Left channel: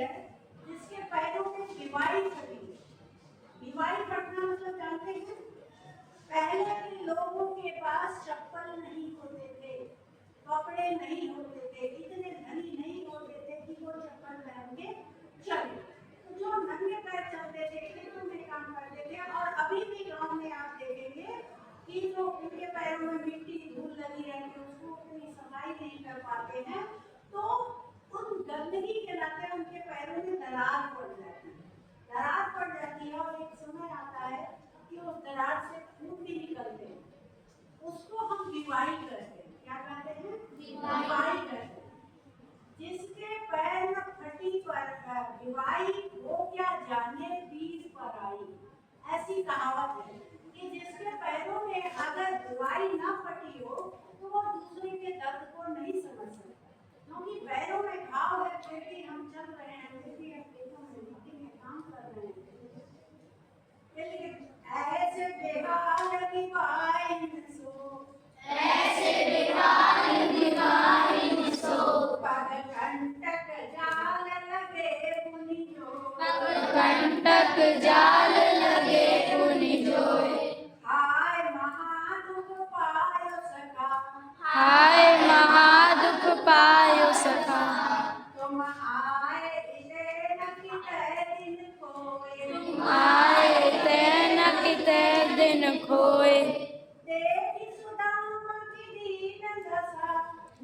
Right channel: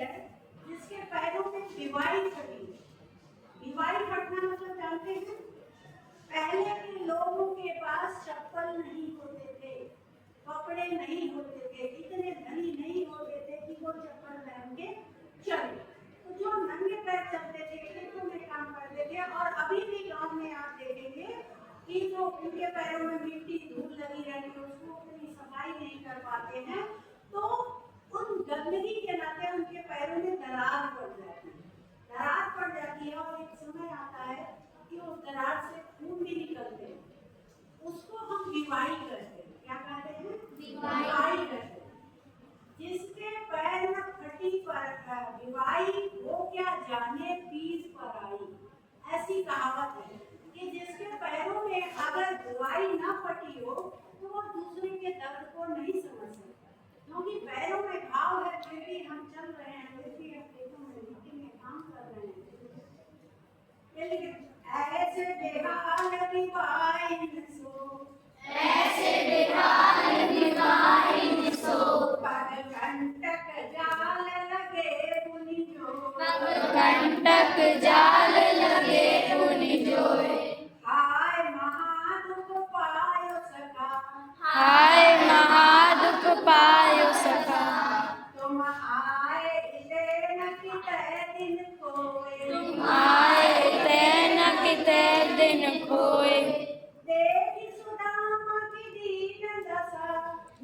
है जिसके पैरों में दिवाई फटी। दिवाई फटना मतलब जानते हैं? पहले के लोगों के पास चप्पल नहीं होते थे, कपड़े नहीं होते थे, इतने धनी नहीं होते थे कि वो चप्पल पहन के चले। तो जो नंगे पैर चलते थे, खेतों में काम करते थे, और अभी भी गांव में आप देखेंगे कि जो उनके पैरों में मिट्टी धूल लगी रहती है, उसको उतनी सफाई नहीं कर पाते हैं, तो उन गंदगी के नाते उनके पैरों में दरार पड़ जाती है। दरार पड़ जाती है और एक समय आता है कि उस दरार से खून भी निकलते हैं, उसको हम दिवाई कहते हैं। क्या कहते हैं? दिवाई कहते हैं। जिसके पैर में फटी दिवाई वो क्या जाने पीर पर आई, ऐसी कहावत है कि जिसके पैरों में अगर दिवाई ना फटी हो तो वो दूसरे के दर्द को नहीं समझ सकता, क्योंकि पैरों में घाव है, फिर भी हम चल रहे हैं, फिर भी हम खेतों में मिट्टी में काम कर रहे हैं। ऐसे बेहाल दिवाई सो, ऐसे बेहाल दिवाई सो, पग कंटक जाल लगे पुनि जो, पग कंटक जाल लगे पुनि जोए। हाय महादुख पायो सखा, हाय महादुख पायो सखा, तुम आए इले न कितै दिन खोए, तुम आए तै न कितै दिन खोए। देखी सुदामा की दीन दशा,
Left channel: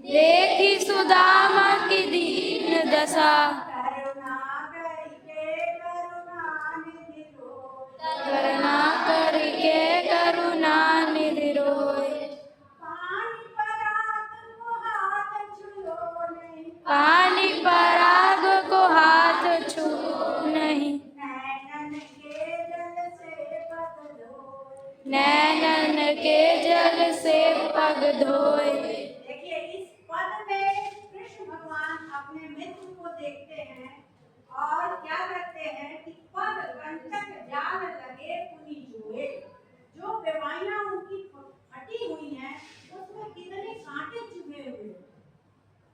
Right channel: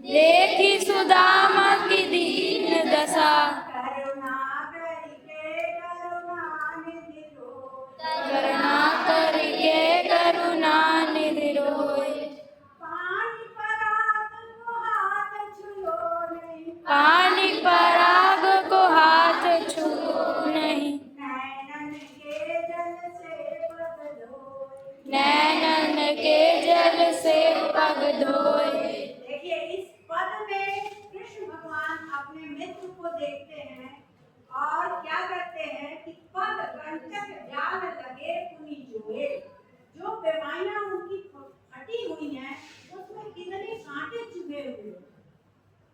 देखी सुदामा की दीन दशा, करुणा करके करुणा निधि रोए, करुणा करके करुणा निधि रोए। पानी पराग को हाथ छुओ नहीं, पानी पराग को हाथ छुओ नहीं, नैनन के जल से पग धोए। नैनन के जल से पग धोए। देखिए इस पद में कृष्ण भगवान अपने मित्र को देखते हैं और क्या करते हैं कि पग कंटक जाल लगे पुनि जोए, जो बेवाइयां उनकी फटी हुई हैं उसमें कितने कांटे चुभे हुए,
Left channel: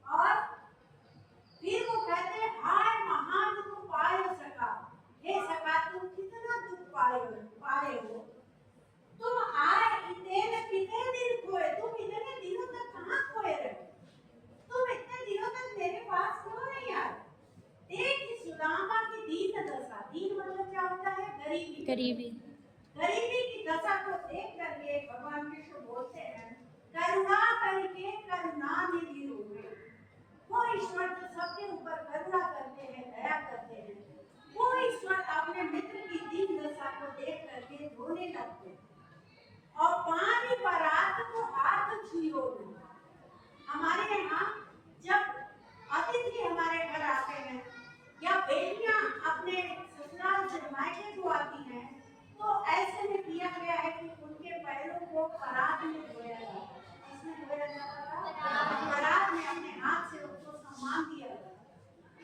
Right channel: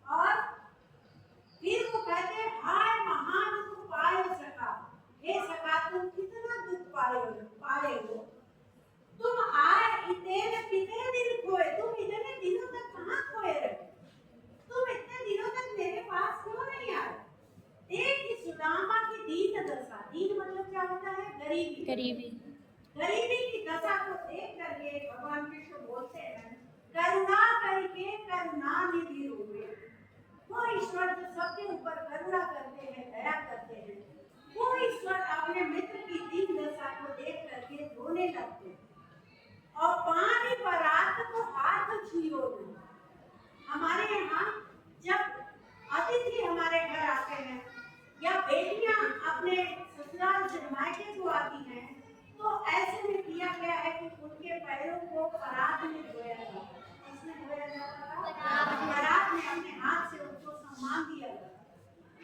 और फिर वो कहते हैं हाय महादुख पाए सका, हे सका तुम कितना दुख पाए हो, तुम आए इतने कितने दिन खोए, तुम इतने दिनों तक कहाँ खोए रहे, तुम इतने दिनों तक मेरे पास क्यों नहीं आए। देखी सुदामा की दीन दशा, दीन मतलब क्या होता है? गरीबी। गरीबी, गरीबी की दशा को देख करके भगवान कृष्ण बोलते हैं करुणा करके करुणा निधि रोए। वो ईश्वर जो सबके ऊपर करुणा करते हैं, दया करते हैं, वो ईश्वर अपने मित्र की दीन दशा को देख करके रोने लगते हैं। और पानी पराग को हाथ छुओ नहीं। हमारे यहाँ जब अतिथि हमारे घर आते हैं या बेटियां अपने ससुराल से मायके को आती हैं, तो ऐसे में किया गया है कि उनके पैरों को पराग में धोया जाता है। इसमें धोया जाता था, पराग में अपने हाथ से उनको सम्मान दिया जाता।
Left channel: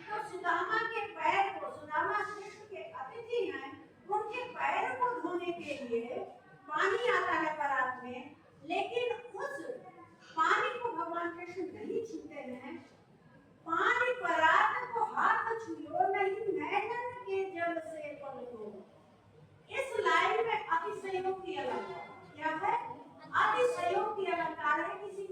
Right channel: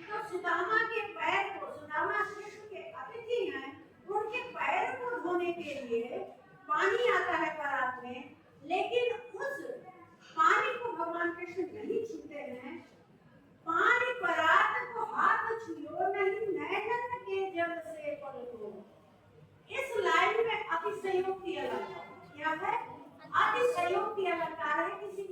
तो सुदामा के पैर को, सुदामा कृष्ण के अतिथि हैं, उनके पैर को धोने के लिए पानी आता है पराग में, लेकिन उस पानी को भगवान कृष्ण नहीं छूते हैं। पानी पराग को हाथ छुओ नहीं, नैनन के जल से पग धोए। इस लाइन में अतिशयोक्ति अलंकार क्या है? अतिशयोक्ति अलंकार है, किसी